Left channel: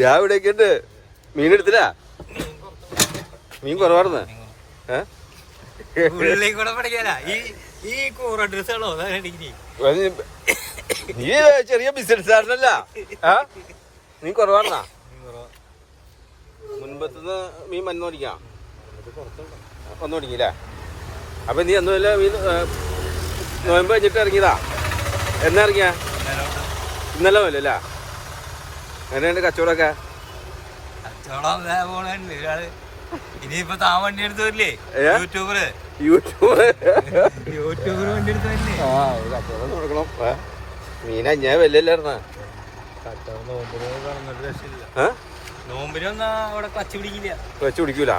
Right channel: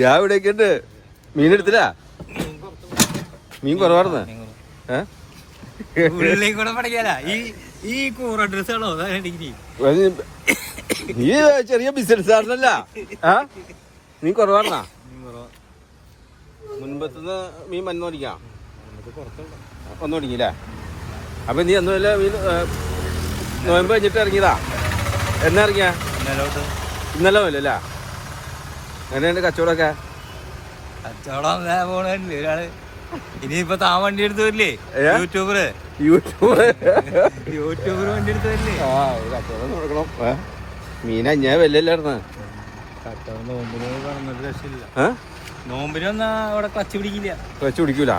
ഞാൻ ഇവിടെയൊക്കെ ഉണ്ട്. മീൻ എടുത്തില്ല? മീൻ കുറവാർന്ന് ഉള്ളിലേക്ക് കൂടെ പഠിക്കാല ഈ കൂറ ഡ്രസ്സാണോ നീ ചെറിയ ബിസിനസ്സുകാരനല്ല. നീ കുറവാർന്നാ? മുൻപത്തുനിന്ന് മീൻ വന്നു തുടങ്ങിയാ വന്നു തുടങ്ങിയില്ലേ? അപ്പൊ നീ ഒന്നുമില്ല നോയമ്പ് കഴിഞ്ഞിട്ട് ഇറങ്ങിയതാ? എന്നാ ഇറങ്ങിയ? ഇന്നലെ പോലല്ലേ? എങ്ങനെയുണ്ട് കച്ചവടമൊക്കെ? കച്ചവടം പോണുണ്ട് ഒരാള്. ഇനിയിപ്പൊ താൻ വണ്ടി എടുത്ത് വരില്ലേ? യൂട്യൂബറ് വണ്ടി എടുത്ത് വരില്ലേ? മീന ഞാൻ വല്ലല്ലായിരുന്ന കച്ചവടം നോമ്പിന് പറഞ്ഞിട്ട് രക്ഷയില്ല. നോമ്പിന് വന്നാ അവിടെ ക്ലച്ച് പിടിക്കില്ല. ക്ലച്ച് പിടിക്കൂല.